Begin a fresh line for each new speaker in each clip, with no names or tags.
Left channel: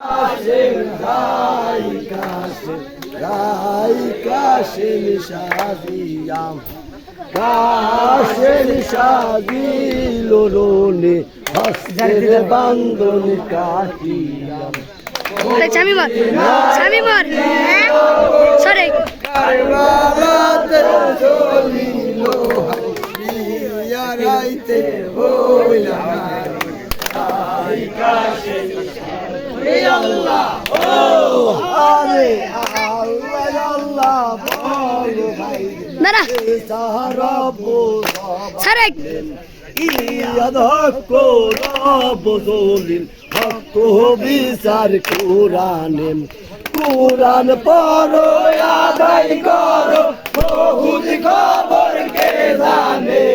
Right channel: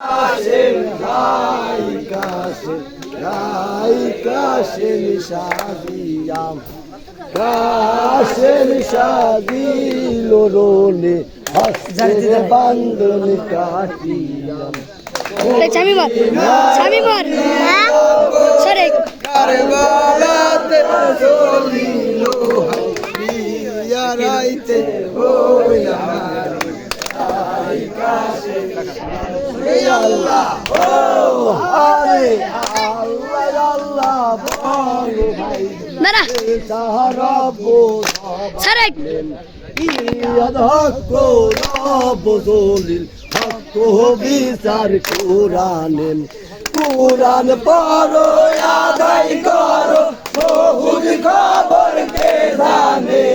কাশেম রাই কাশেম রাই কাশেম সাদিয়াম কাশেম সাদিল রোলে হস্তের বান্ধন কাটিয়াম
আরে চামি মার চামি মার সরে
কারবালাতে জমিল হাইয়া রাইতে হইয়া আই কাশেম
দাঁড়া।
হক বিচার কোরআনে কোরআন পড়ো আদায় করো বহুত খবর কে জানে?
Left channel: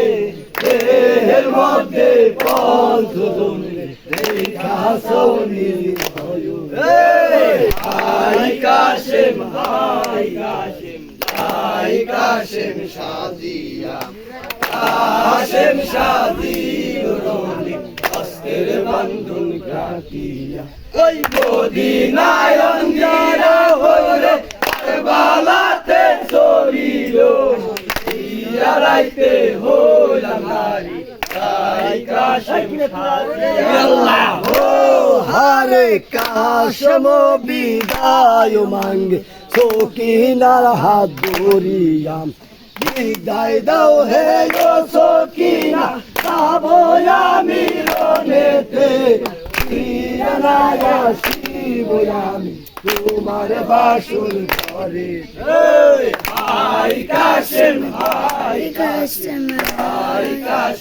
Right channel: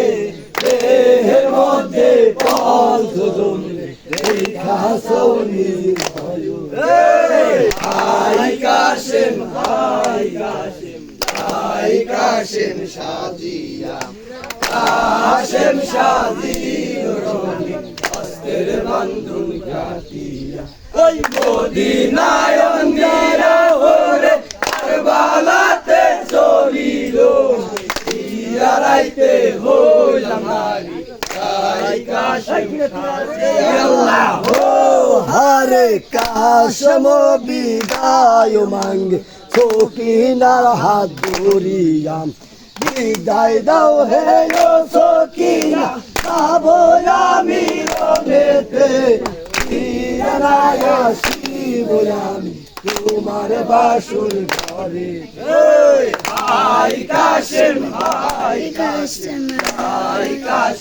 দেহের মধ্যে দেখা সৌনি। আই কাশেম আই কাশেম আই কাশেম সাজিয়া কাশেম শাদির রলি হস্তের বন্ধন কাটিয়া ওই মদিনায় অঞ্জিরা হরে কারবালাতে চলিল ইয়া রাইতে হইলাম নারী তাই কাশেম আল্লাহ হরে কাশেম বিদায় মাঙ্গে সকিনার হাত ধরিয়াম বিদায় দাও হে সকিনা যাব আমি রনেতে আমি তোমার বাসুর ঘরে আই কাশেম আই
কাশেম
আই কাশেম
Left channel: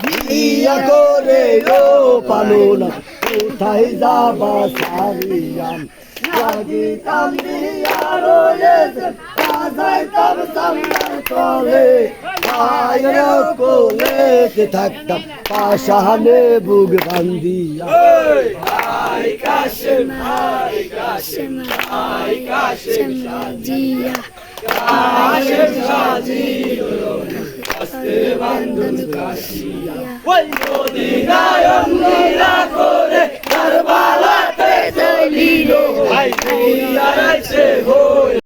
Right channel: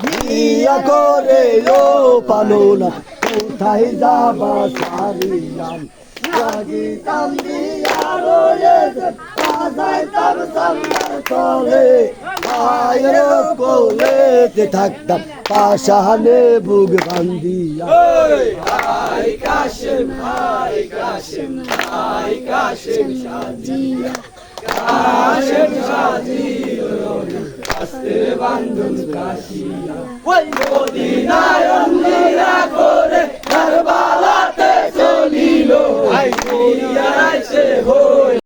বিয়া করে পানুনা কোথায় যাবা সারিয়াম? লাগিতাম বিয়া রয়েছে কাজাই তব সামনার তলে আয়ের কোলে কে থাকতাম পাশানে বুক বান্দিয়া আই কাশেম আই কাশেম আই কাশেম
দিয়া
কাশেম সাজি আস্তে বান্ধন কাশিয়া। ওই মদিনায় অন্যরা করে